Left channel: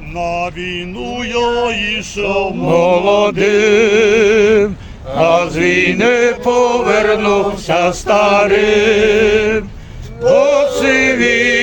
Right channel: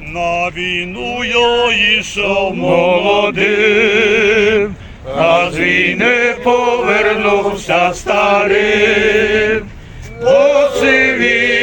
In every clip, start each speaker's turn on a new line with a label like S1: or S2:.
S1: На війну я йшов
S2: молодим, а з війни повернувся старим. Посивіла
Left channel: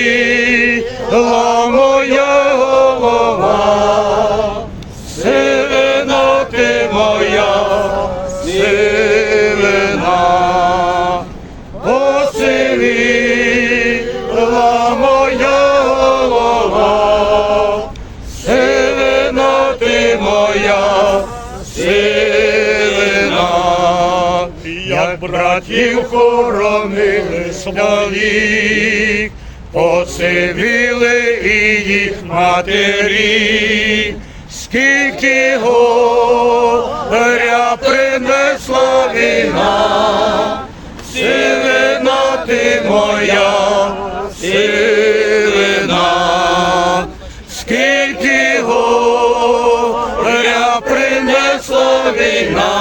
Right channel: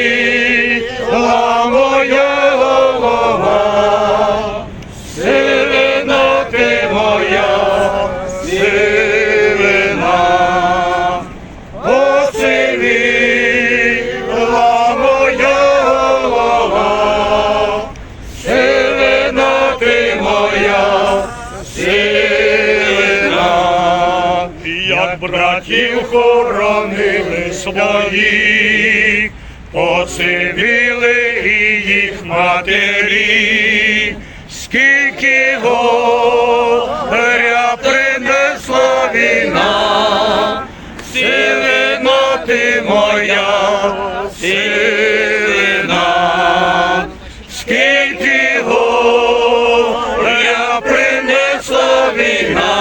S1: братів
S2: хоронили своїх, посивіли і їх матері, скільки горя принесла війна, сивина ти моя, сивина, скільки горя принесла війна.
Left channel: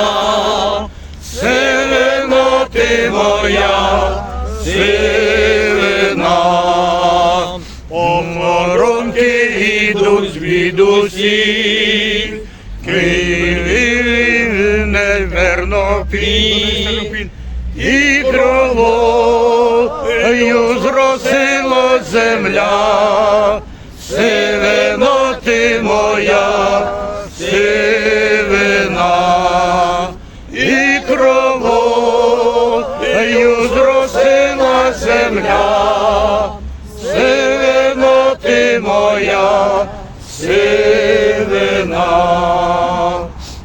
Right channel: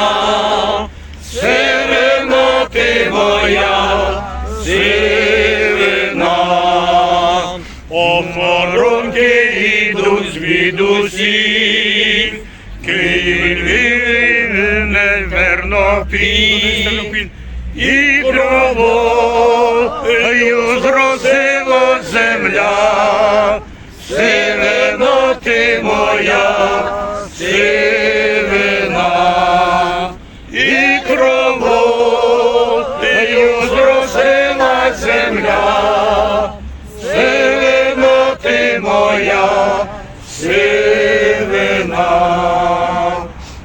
S2: Моя, сивина, охоронки ідуть звідусі, Київ неверно пін, і кровою зросила земля, сивина ти моя, сивина моя, сивина.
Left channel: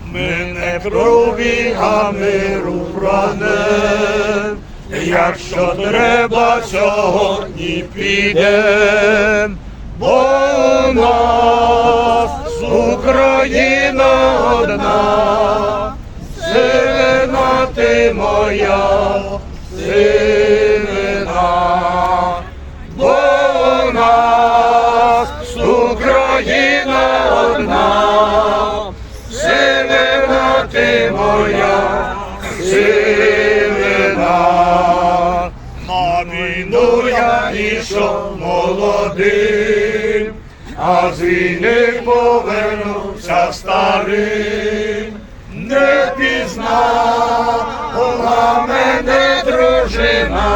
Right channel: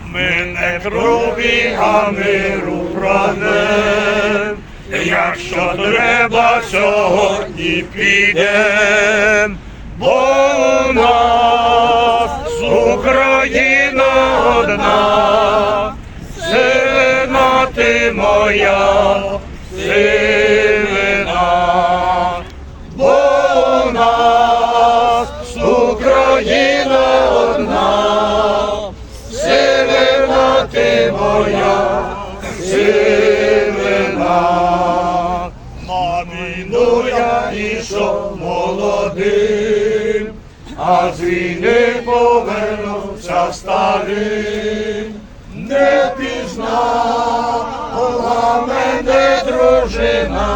S2: Ми не крові, а миру прагнем, якщо треба, сьогодні підем, бо нас Україна одна. Сивина ти моя, сивина, на війну я ішов молодим, а з війни повернувся старим, не пізнала мене дружина,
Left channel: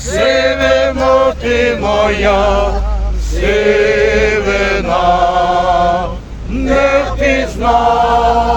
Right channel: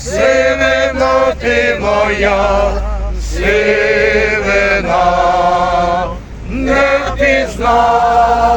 S2: сивина ти моя, сивина, не пізнала.